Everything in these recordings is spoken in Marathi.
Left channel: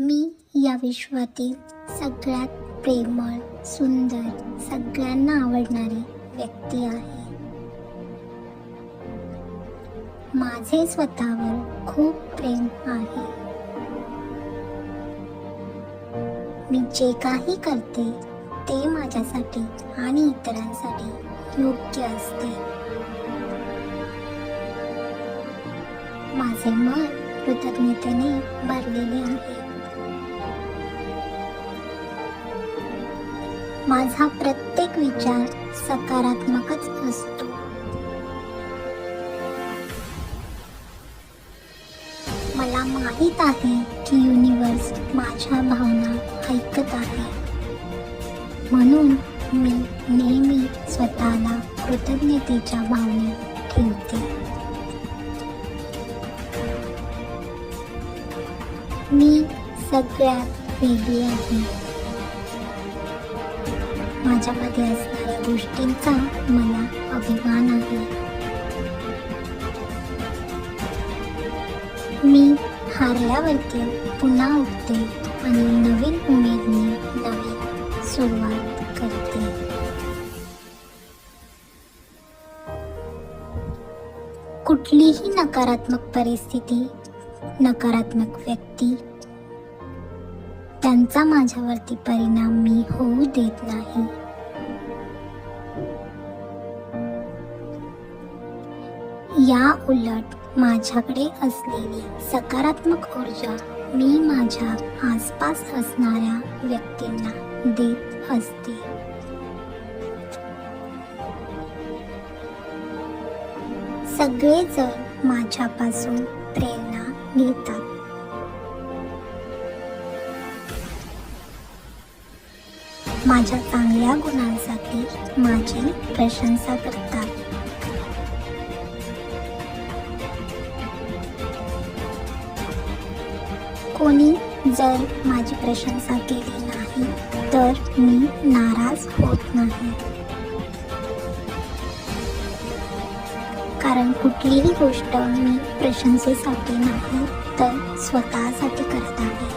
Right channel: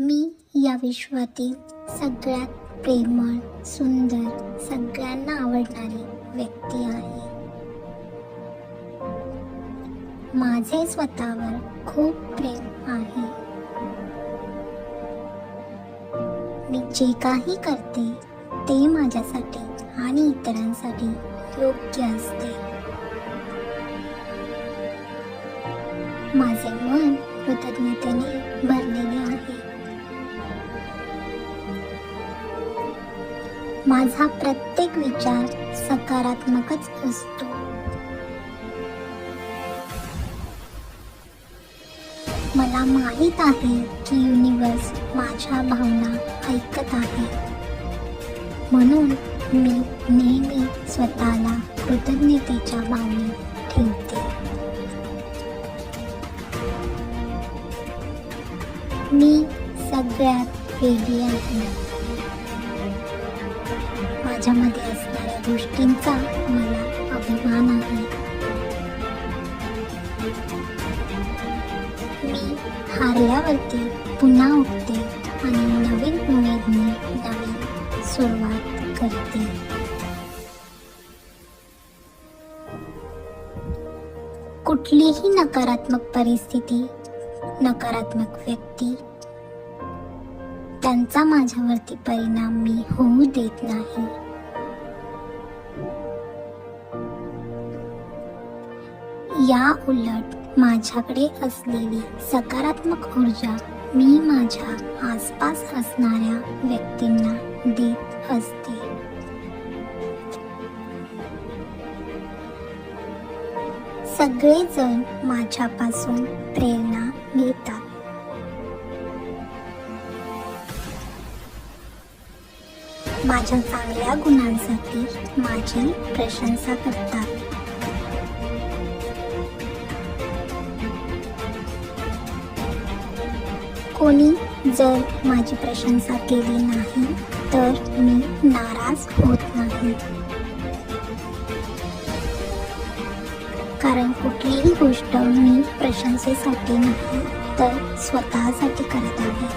मी या विश्वातील सगळ्यात प्रेमळ सुंदर सगळ्यांना आवडणारी व्यक्ती आहे. माझे स्वतःवर खूप प्रेम आहे. मी जे काही करते ते माझ्यासाठी आणि इतरांसाठी योग्य असते. माझे मन कृतज्ञतेने भरलेले आहे. माझा प्रत्येक विचार सकारात्मकच असतो. मला माहीत आहे की युनिवर्स माझ्या भावना ऐकत आहे. म्हणून मी नेहमी स्वतःला कृतज्ञतेच्या भावने ठेवते. मी सगळ्यात वेगळी आहे. माझ्यामध्ये असणाऱ्या गोष्टींचा मला अभिमान आहे. मी हारल्यावरती पुन्हा उठते आणि नवीन उमेदने नवीन सुरुवात करते. कुठलीही नकारात्मक परिस्थिती नकारात्मक व्यक्ती त्यांचा माझ्यावरती परिणाम मी होऊ देत नाही. या उलट माझ्याकडे असलेली सकारात्मक ऊर्जा मी माझ्या आसपास असणाऱ्या व्यक्तींना देत असते. सगळेजण माझ्यापासून प्रेरणा घेतात. माझ्या चांगल्या गुणांसाठी माझी प्रशंसा करतात. कोणी जर माझी प्रशंसा केली नाही तर मी नाराज होत नाही. कारण कुठलीही गोष्ट मी प्रशंसेसाठी नाही तर स्वतःसाठी करत आहे.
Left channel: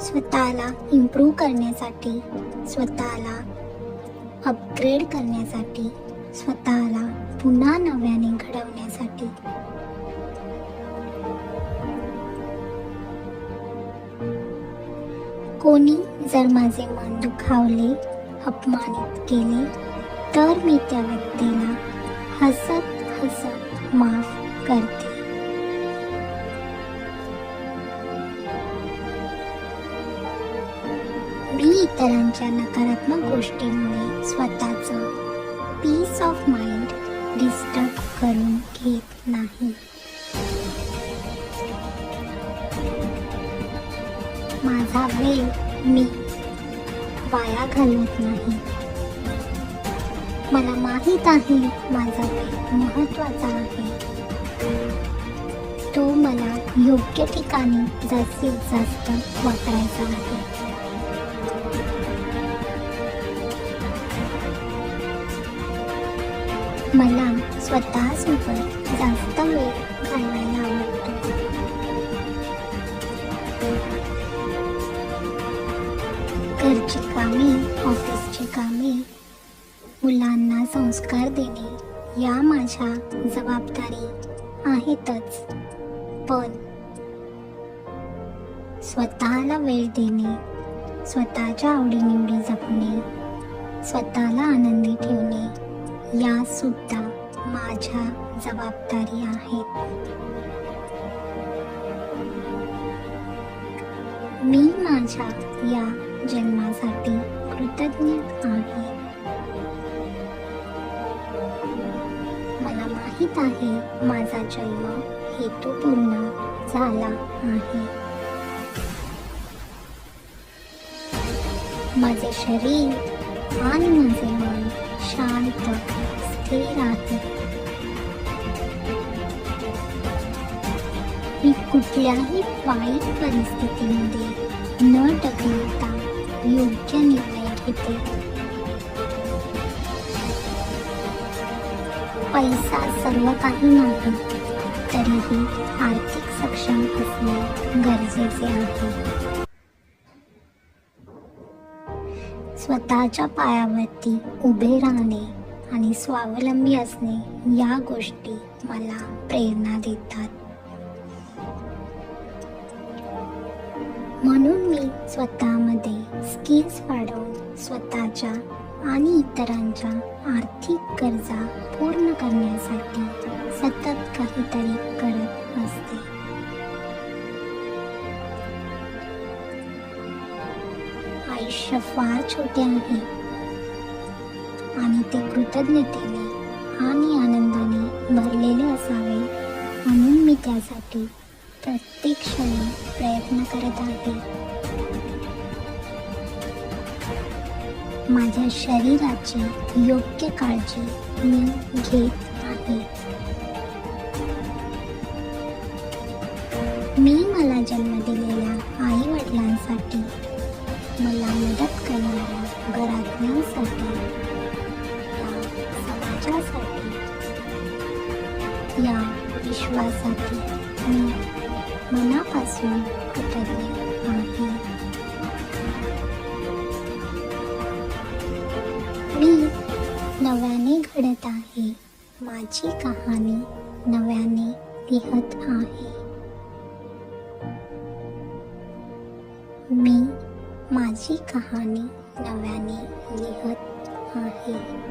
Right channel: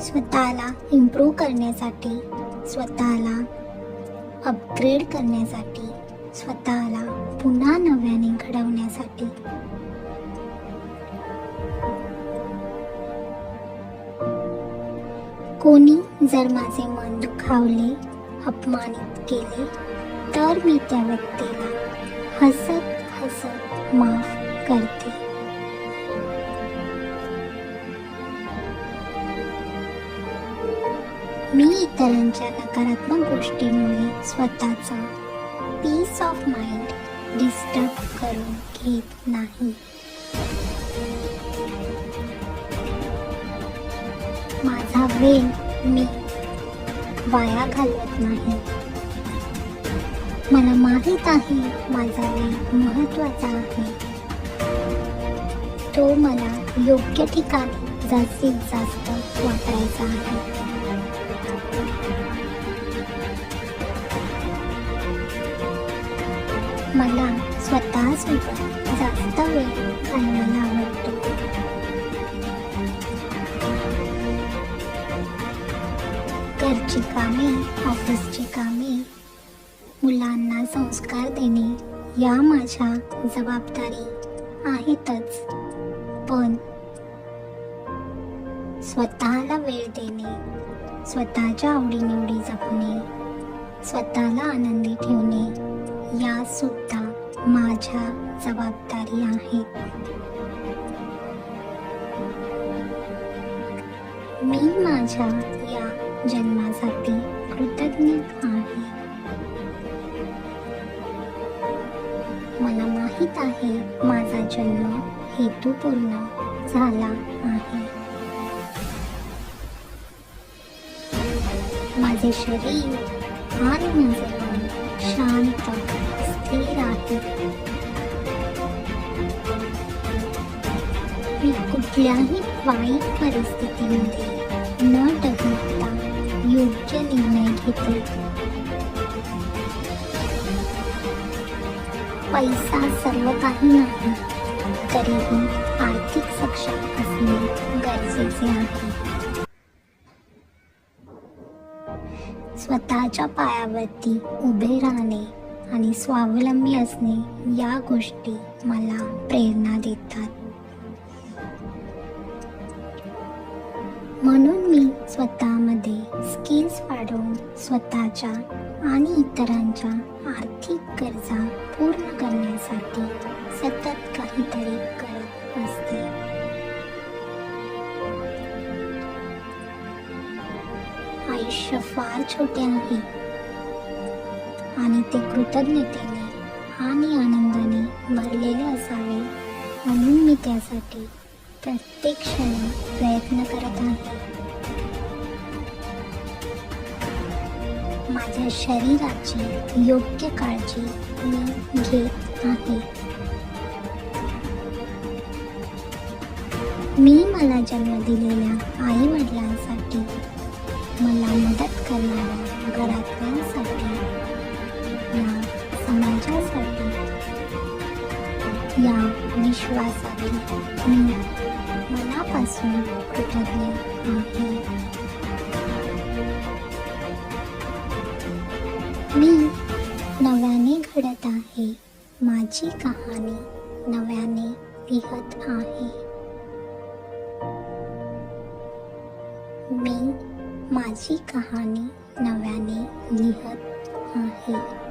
स्वतःला इम्प्रूव्ह करण्यासाठी स्वतःला अपग्रेड करण्यासाठी स्वतःला पुन्हा नव्याने घडवण्यासाठी कोणी जर माझे मन दुखावले अपमानित केले तर मी त्या व्यक्तीला हसत हसत माफ करते. मी इतरांच्या नकारात्मक गोष्टींमुळे स्वतःचं पीस ऑफ माइंड डिस्टर्ब करून घेत नाही. माझा वेळ मी वाया घालवत नाही. मला माहीत आहे माझा वेळ महत्त्वाचा आहे. तो मला योग्य ठिकाणी जास्तीत जास्त वापरायचा आहे. मला स्वतःसोबत जास्त वेळ घरची कामे ऑफिसची कामे. मुलांना संस्कार देणे या माझ्या जबाबदारी आहेतच. पण स्वतःला वेळ देणे स्वतःच्या आवडीनिवडी जपणे स्वतःला आनंदी ठेवणे या सुद्धा माझ्या जबाबदारी आहेत माझ्या या जन्मासाठी कृतज्ञ आहे. मला माहीत आहे माझा जन्म हेतूपूर्ण झाला आहे. माझे शरीर आणि माझे मन शांत स्थिर आहे. मी कुठल्याही वाईट परिस्थितीमध्ये योग्य निर्णय घेते पैसा सर्व काही नाही. तरीही आर्थिक सक्षम असणे गरजेचे आहे. स्वतःच्या पायावरती उभे राहणे आणि स्वावलंबी असणे या गोष्टी मला प्रेरणा देतात. म्हणून मी स्वतःमध्ये स्किल्स वाढवून स्वतःच्या आणि इतरांच्या आर्थिक गरजा पूर्ण करण्यासाठी सतत काहीतरी करत असते आयुष्य फार छोटे आहे. आणि ते कृतज्ञतेने आणि आनंदाने भरलेले असावे. म्हणून मी त्यासाठी प्रत्येक क्षणी प्रयत्न करत आहे माझ्या शरीराची योग्य काळजी मी घेत आहे मी मला जन्म दिलेल्या आई कृतज्ञ आहे मी नव्याने घडत आहे. माझी कहाणी नव्याने लिहत आहे. मी माझी कहाणी नव्याने लिहत आहे.